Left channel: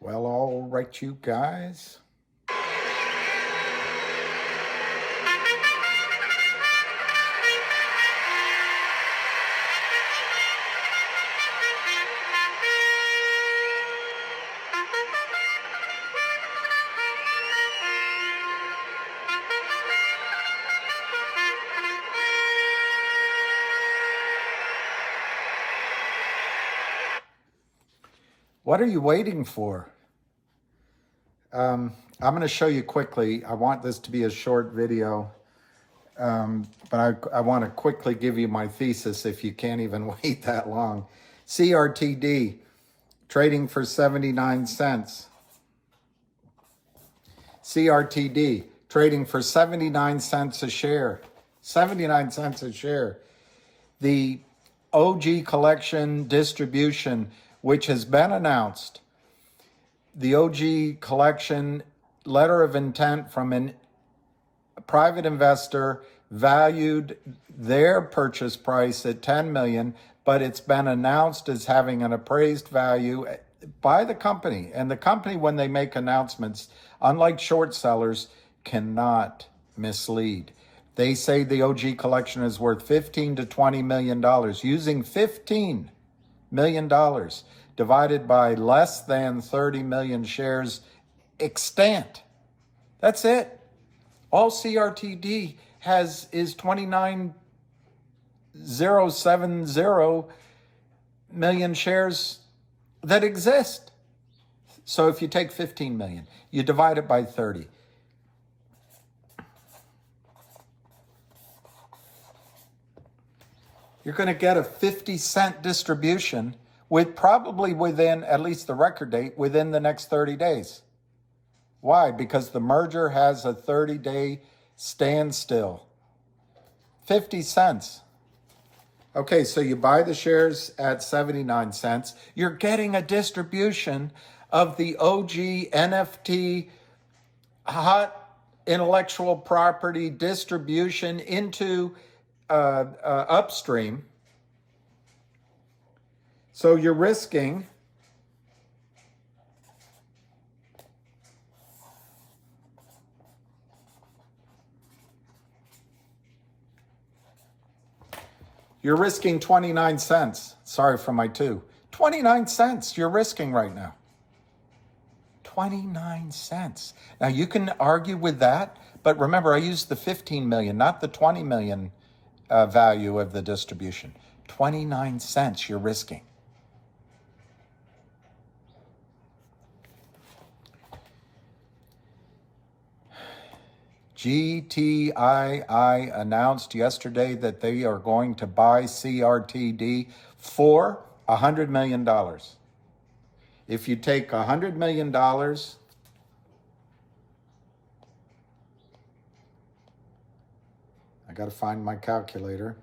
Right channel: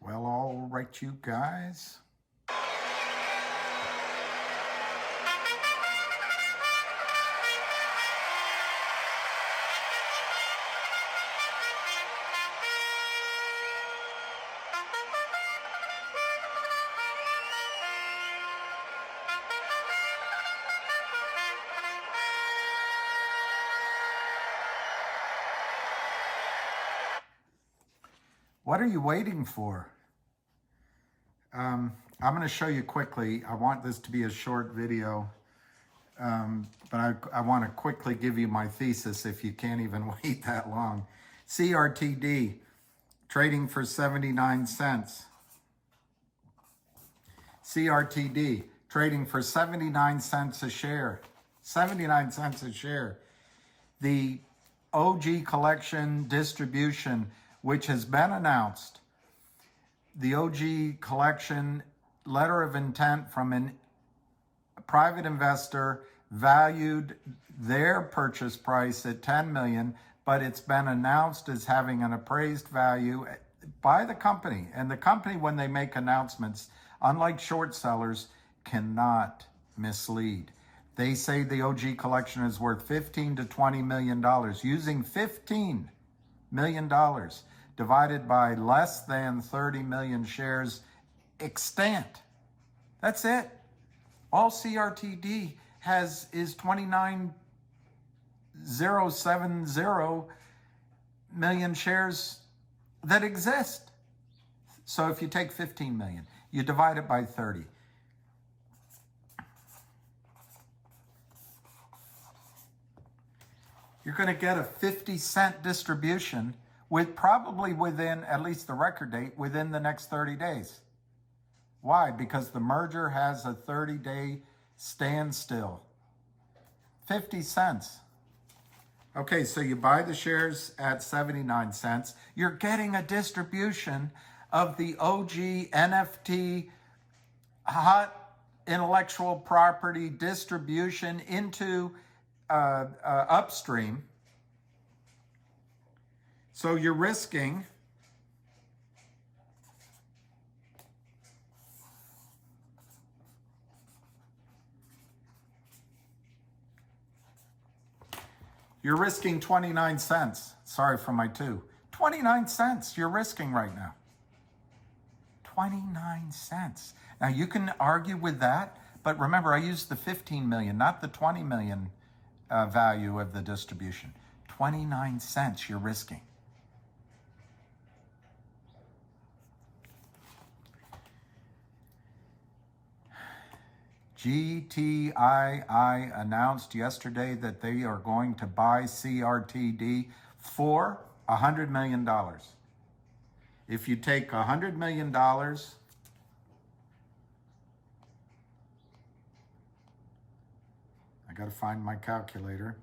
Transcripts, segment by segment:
Well, all right, you guys. What are you waiting for? I'm going to show you quickly. I want this to be a short video, but I want to quickly give you my thesis if you can't even wait that long. CRTD, trading for 79 cents. CRTD, trading for 79 cents a share. 79 cents a share. The OG collection distribution, which has been announced, the OG collection letter of intent from a private investor valued their purchase price at 10 million, but it's been announced as having an appraised value by the company. And the company, when they make announcements, unlike short sellers, cannot mislead. They say the OG collection is worth $15 to $20 million, using $15 million divided by less than 30 million shares extant. That's it. All CRTD has is 29,070 million shares that exist. So if you take 15 million, you divide it by 30. You're going to get a 50-cent distribution with probably within, at least the record date, within the next 30 days. Why? Because the merger has a 30-day standstill. 50 cents. Okay, so you buy the shares at 79 cents. You're getting a distribution of the OG NFT hot intellectual property distribution into upstream. So you're risking You're risking 29 cents. Sorry for my two. 29 cents you're risking right now. 29 cents. Now you can argue with that, but remember I used the 15 million, not the 20 million value of the distribution. 29 cents you're risking. GTii announced yesterday that they are going to buy CRTD for $100 million. If you take $100 million, I got to find my calculator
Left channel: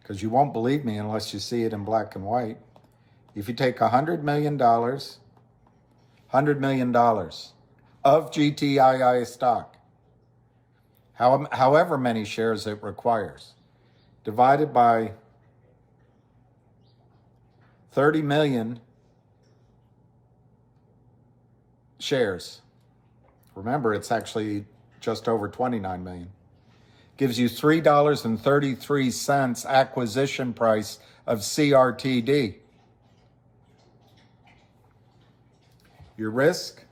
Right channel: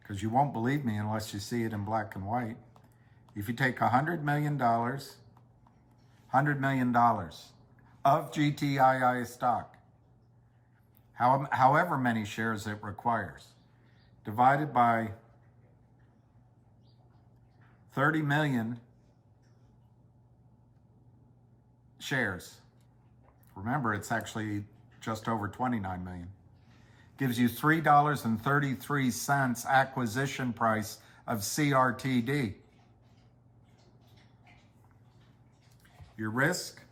because you won't believe me unless you see it in black and white. If you take $100 million, $100 million of GTii stock, however many shares it requires, divided by 30 million shares. Remember, it's actually just over 29 million. Gives you $3.33 acquisition price of CRTD. Your risk?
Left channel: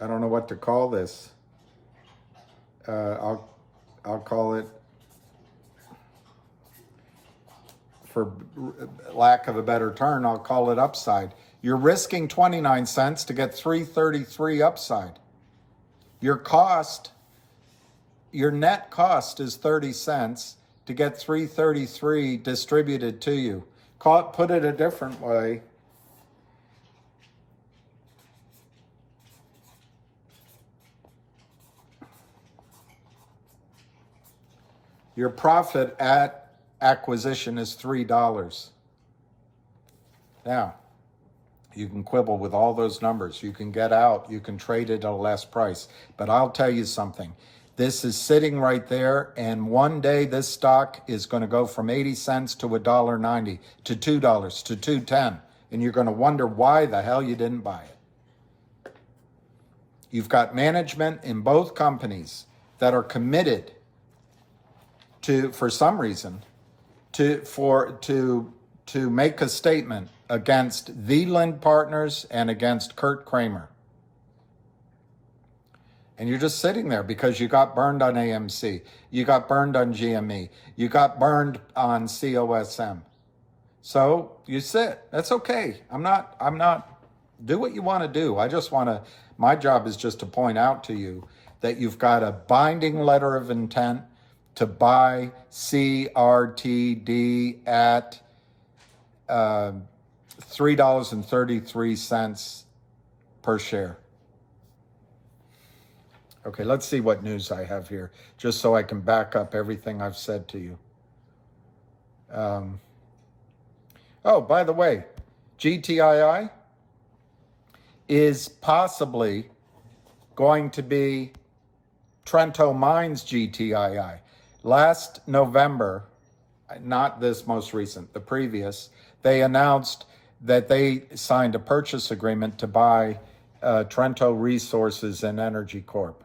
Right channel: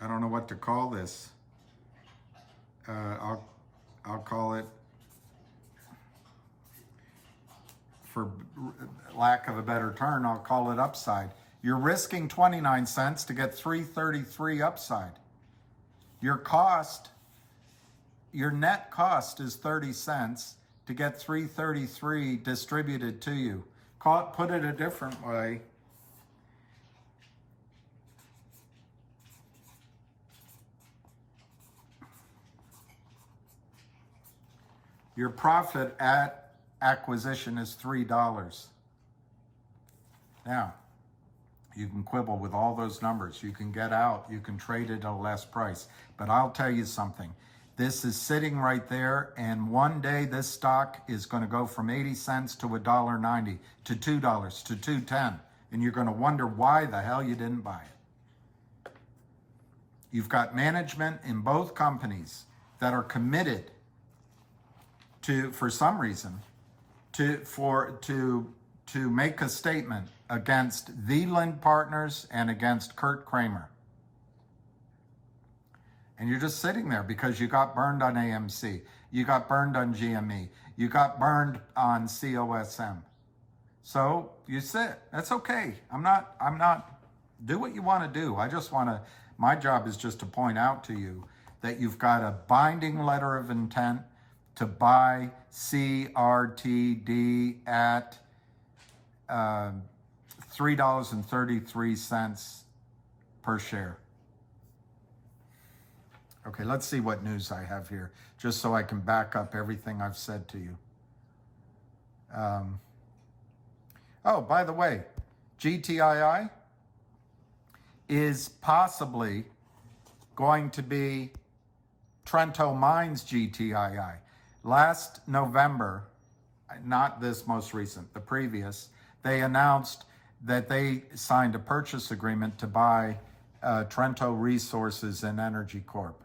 I don't know what to call this. I'll call it, for lack of a better term, I'll call it upside. You're risking 29 cents to get 3.33 upside. Your cost, your net cost is 30 cents to get 3.33 distributed to you. Put it a different way. Your profit at acquisition is $3. Now, you can quibble with all those numbers. You can get out. You can trade it at a less price. But I'll tell you something. This is sitting right there, and one day this stock is going to go from 80 cents to $1.90 to $2 to $2.10, and you're going to wonder why the hell you didn't buy it. You've got management in both companies that are committed to, for some reason, to make a statement against the Lind Partners and against Kurt Kramer. And you're just sitting there because you got burned on AMC, you got burned on GME, you got burned on COSM. So you sit. That's okay. I'm not, do what you want to do. My job is just to point out to you that you've got a binding letter of intent to buy CRTD at $3.33 per share. Okay, let's see what news I have here, just so I can back up everything I've said to you. Oh, by the way, GTII is possibly going to be Trento Mines GTII. Last November, not this most recent, the previous, they announced that they signed a purchase agreement to buy Trento Resources and Energy Corp.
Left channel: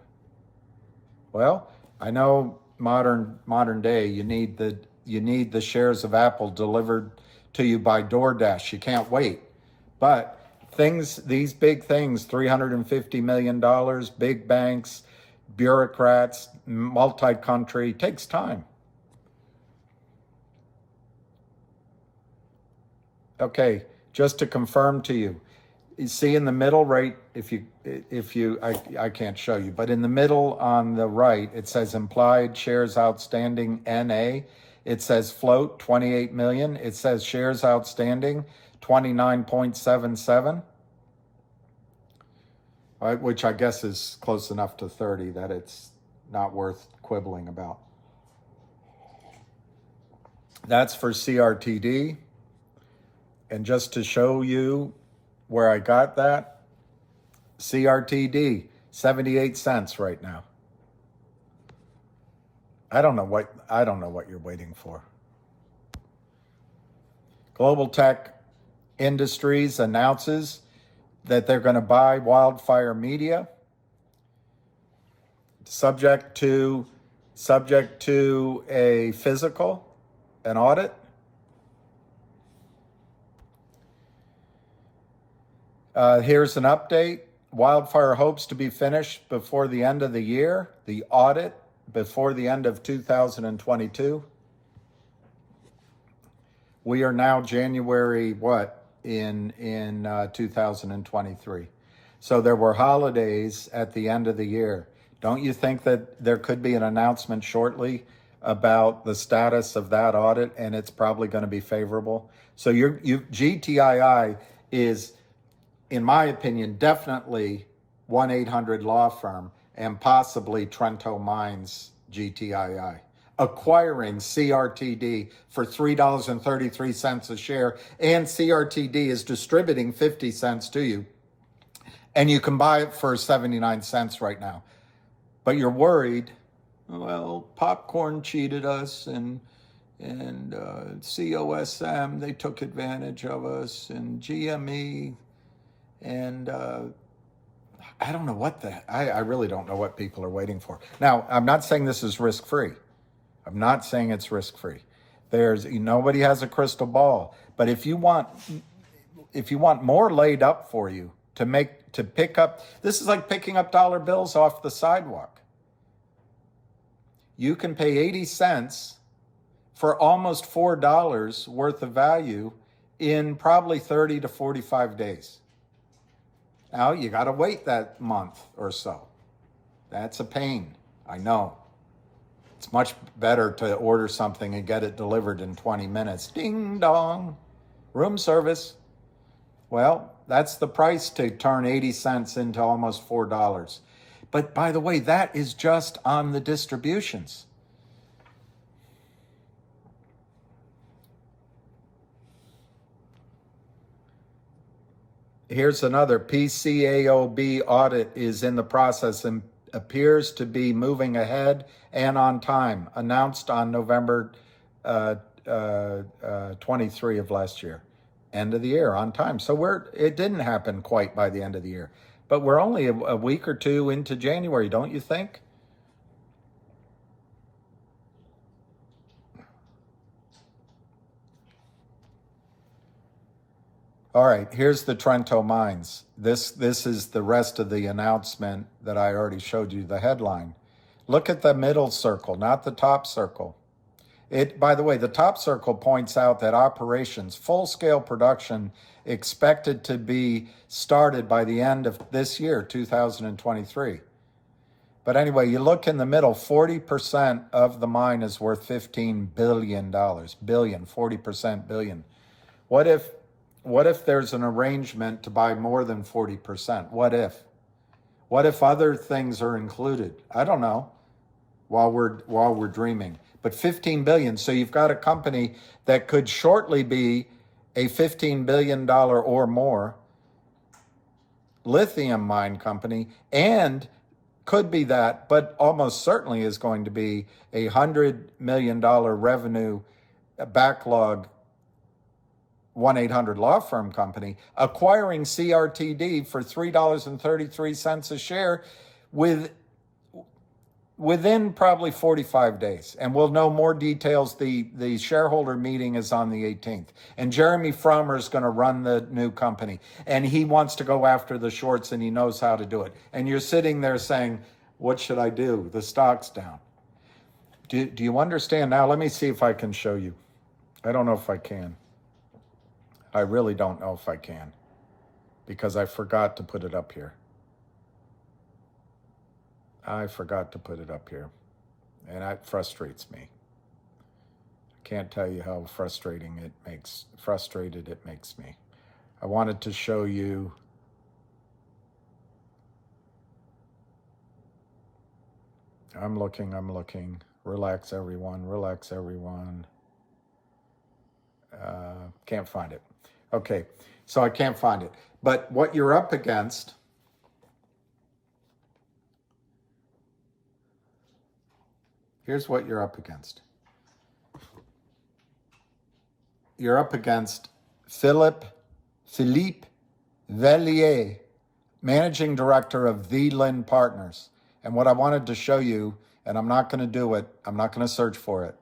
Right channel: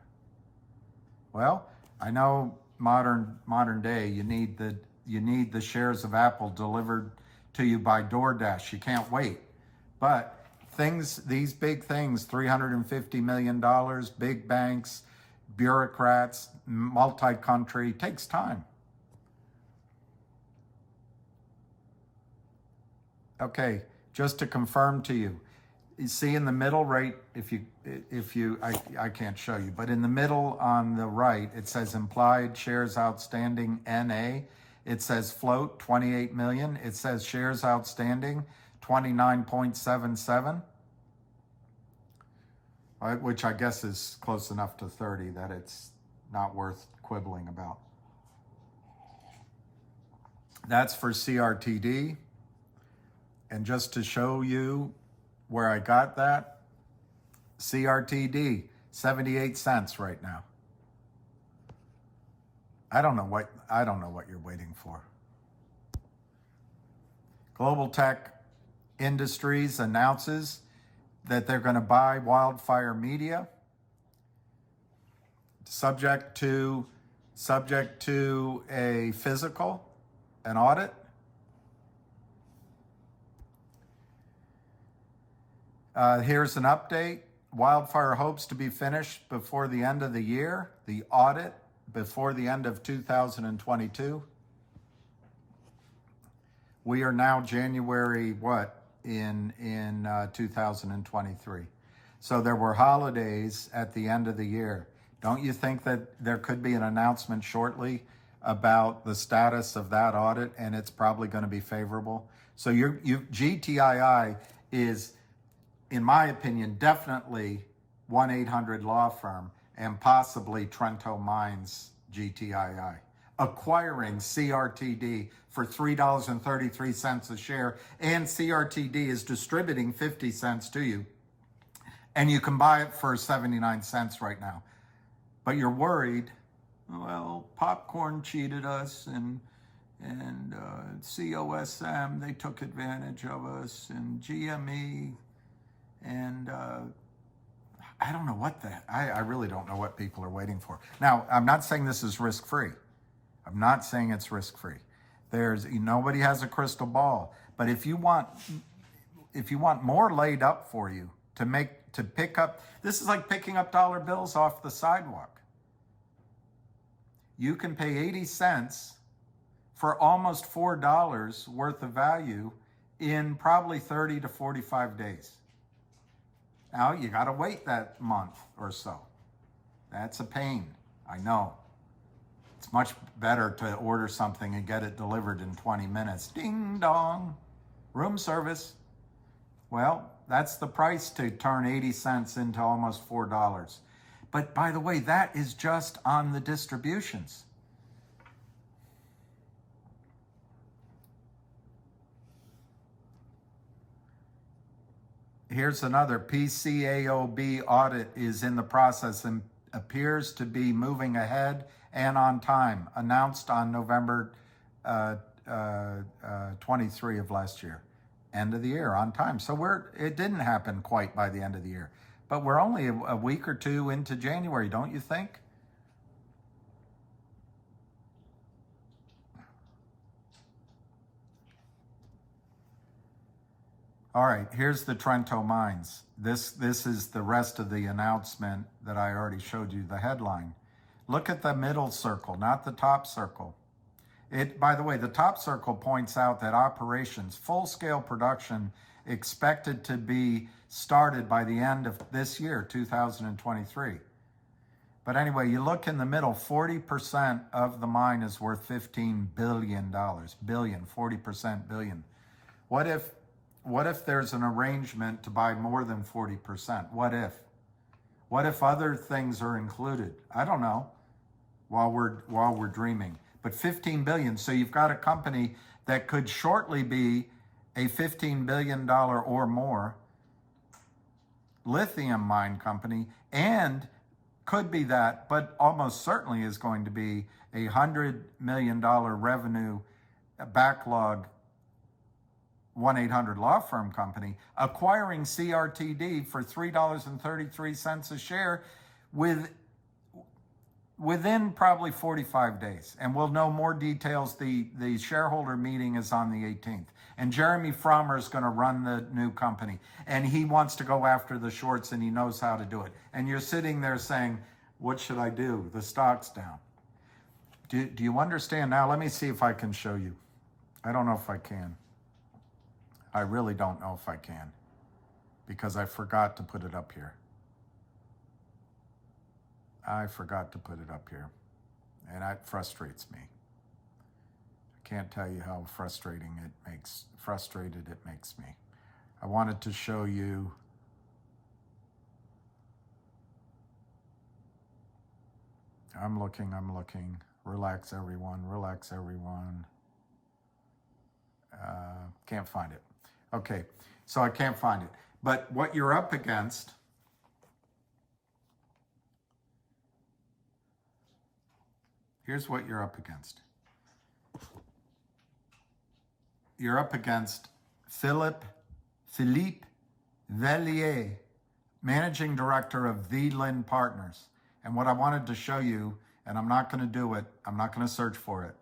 Well, I know modern day you need the shares of Apple delivered to you by DoorDash. You can't wait. But these big things, $350 million, big banks, bureaucrats, multi-country, takes time. Okay, just to confirm to you, you see in the middle right, I can't show you, but in the middle on the right, it says implied shares outstanding NA. It says float 28 million. It says shares outstanding 29.77, right, which I guess is close enough to 30 that it's not worth quibbling about. That's for CRTD. And just to show you where I got that, CRTD, 78 cents right now. I don't know what you're waiting for. Global Tech Industries announces that they're going to buy Wildfire Media, subject to a physical, an audit. Here's an update. Wildfire hopes to be finished before the end of the year. The audit before the end of 2022. We are now January in 2023. So there were holidays at the end of the year. Don't you think that there could be an announcement shortly about the status of that audit, and it's probably going to be favorable? So GTII is, in my opinion, definitely 1-800 law firm and possibly Trento Mines GTII, acquiring CRTD for $3.33 a share, and CRTD is distributing 50 cents to you, and you can buy it for 79 cents right now. But you're worried, well, Popcorn cheated us, and COSM, they took advantage of us, and GME, and I don't know I really don't know what people are waiting for. Now, I'm not saying this is risk-free. I'm not saying it's risk-free. Nobody has a crystal ball. But if you want more laid up for you to pick up, this is like picking up dollar bills off the sidewalk. You can pay 80 cents for almost $4 worth of value in probably 30 to 45 days. Now, you got to wait that month or so. That's a pain, I know. It's much better to order something and get it delivered in 20 minutes. Ding dong, room service. Well, that's the price to turn 80 cents into almost $4. But by the way, that is just on the distributions. Here's another. PCAOB audit is in the process appears to be moving ahead and on time, announced on November 23 of last year. End of the year, on time. So it didn't happen quite by the end of the year, but we're only a week or two into January, don't you think? All right, here's the Trento Mines. This is the rest of the announcement that I already showed you, the headline. Look at the middle circle, not the top circle. By the way, the top circle points out that operations, full-scale production, expected to be started by the end of this year, 2023. But anyway, you look in the middle, 40% of the mine is worth $15 billion. Billion, 40% billion. What if there's an arrangement to buy more than 40%? What if? What if other things are included? I don't know, while we're dreaming. But 15 billion, so you've got a company that could shortly be a $15 billion or more lithium mine company, and could be that, but almost certainly is going to be a $100 million revenue backlog 1-800 law firm company, acquiring CRTD for $3.33 a share within probably 45 days. And we'll know more details. The shareholder meeting is on the 18th. And Jeremy Frommer is going to run the new company. And he wants to go after the shorts, and he knows how to do it. And you're sitting there saying, what should I do? The stock's down. Do you understand now? Let me see if I can show you. I don't know if I can. I really don't know if I can, because I forgot to put it up here. I forgot to put it up here, and that frustrates me. I can't tell you how frustrated it makes me. I wanted to show you I'm looking. Relax, everyone. Can't find it. Okay, so I can't find it. But what you're up against, here's what you're up against. You're up against Philippe Vellier, Managing Director of The Lynn Partners. And what I wanted to show you, and I'm not going to do it, I'm not going to search for it.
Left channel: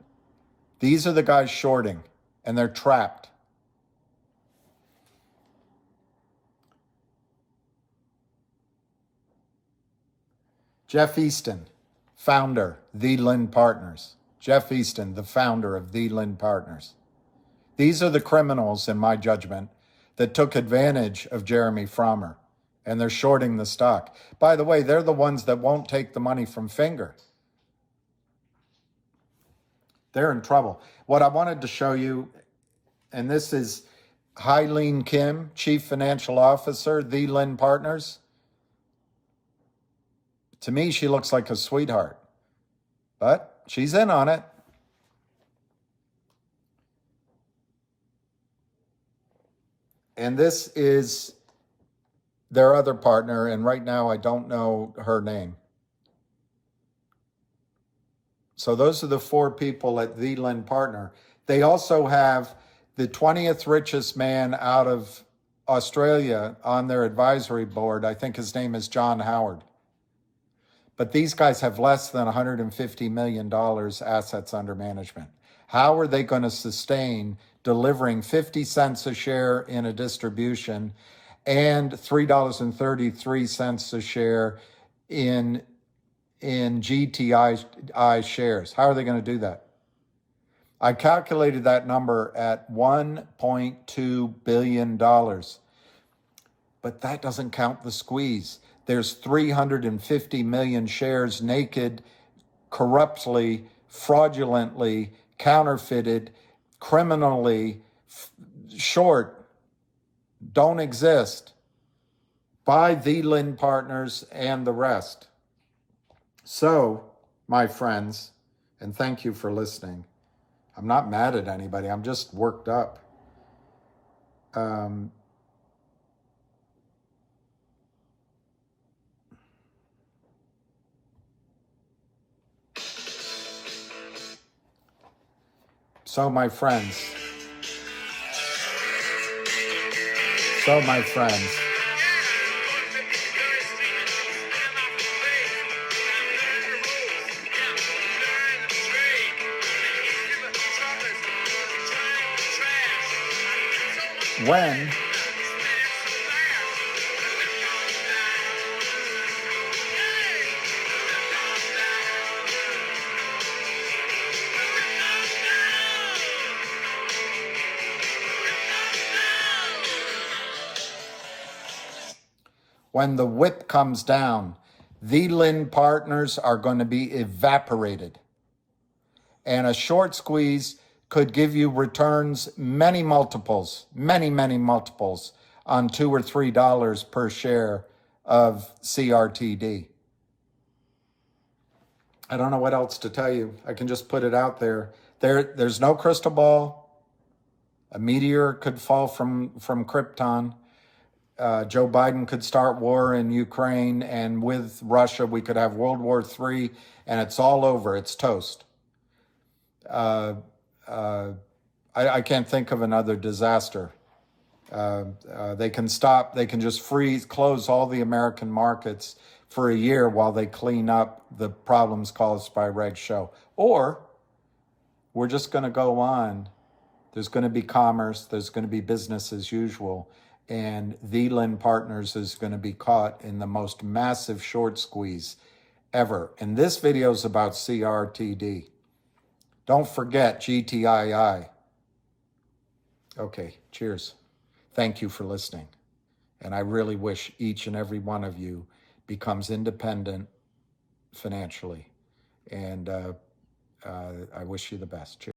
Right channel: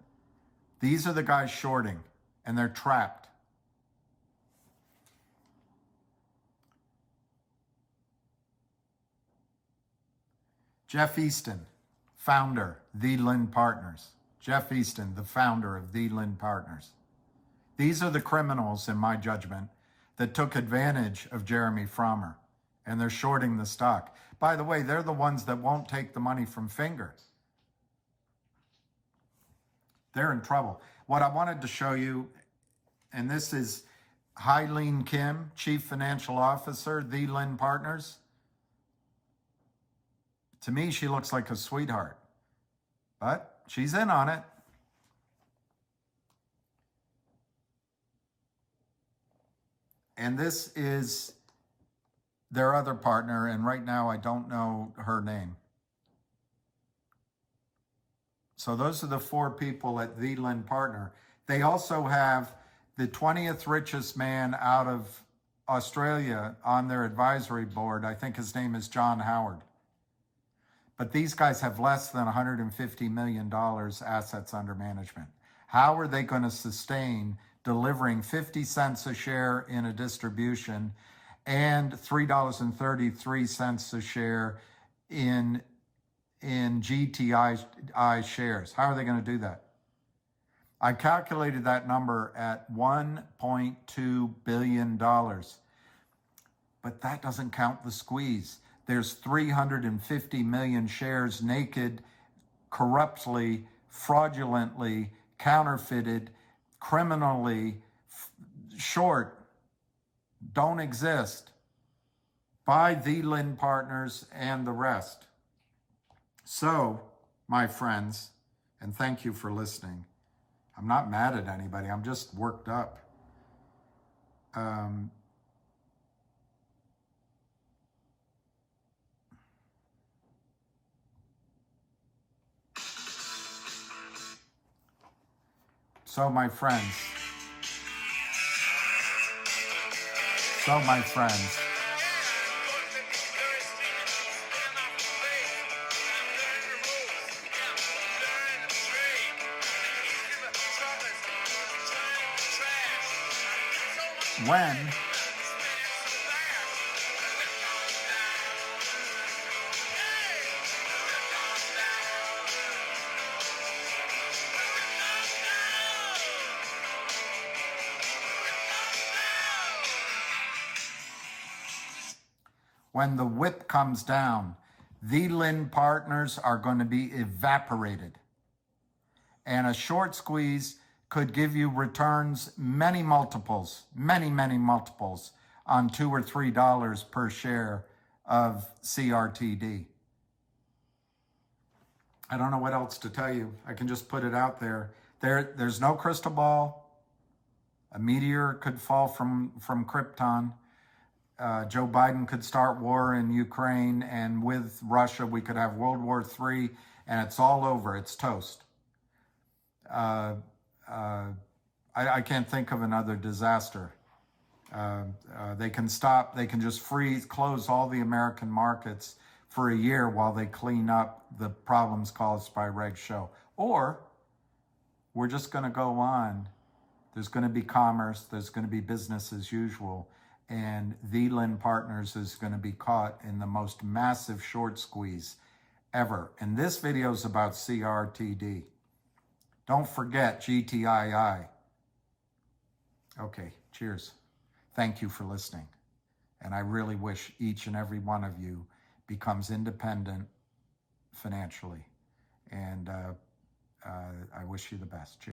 These are the guys shorting, and they're trapped. Jeff Easton, founder, The Lynn Partners. Jeff Easton, the founder of The Lynn Partners. These are the criminals, in my judgment, that took advantage of Jeremy Frommer, and they're shorting the stock. By the way, they're the ones that won't take the money from Finger. They're in trouble. What I wanted to show you, and this is Hylene Kim, Chief Financial Officer, The Lynn Partners. To me, she looks like a sweetheart, but she's in on it. And this is their other partner, and right now I don't know her name. So those are the four people at The Lynn Partner. They also have the 20th richest man out of Australia on their advisory board. I think his name is John Howard. But these guys have less than $150 million assets under management. How are they going to sustain delivering 50 cents a share in a distribution and $3.33 a share in GTI shares? How are they going to do that? I calculated that number at $1.2 billion. But that doesn't count the squeeze. There's 350 million shares naked, corruptly, fraudulently, counterfeited, criminally short, don't exist by The Lynn Partners and the rest. So, my friends, and thank you for listening. I'm not mad at anybody. I'm just worked up. So my friends, when the whip comes down, the Lynn partners are going to be evaporated. And a short squeeze could give you returns many multiples on $2 or $3 per share of CRTD. I don't know what else to tell you. I can just put it out there. There's no crystal ball. A meteor could fall from Krypton. Joe Biden could start war in Ukraine, and with Russia, we could have World War III, and it's all over. It's toast. I can't think of another disaster. They can just close all the American markets for a year while they clean up the problems caused by Reg Show. Or we're just going to go on. There's going to be commerce. There's going to be business as usual. And the Lynn Partners is going to be caught in the most massive short squeeze ever. And this video is about CRTD. Don't forget GTII. Okay, cheers. Thank you for listening. And I really wish each and every one of you becomes independent financially. And I wish you the best. Cheers.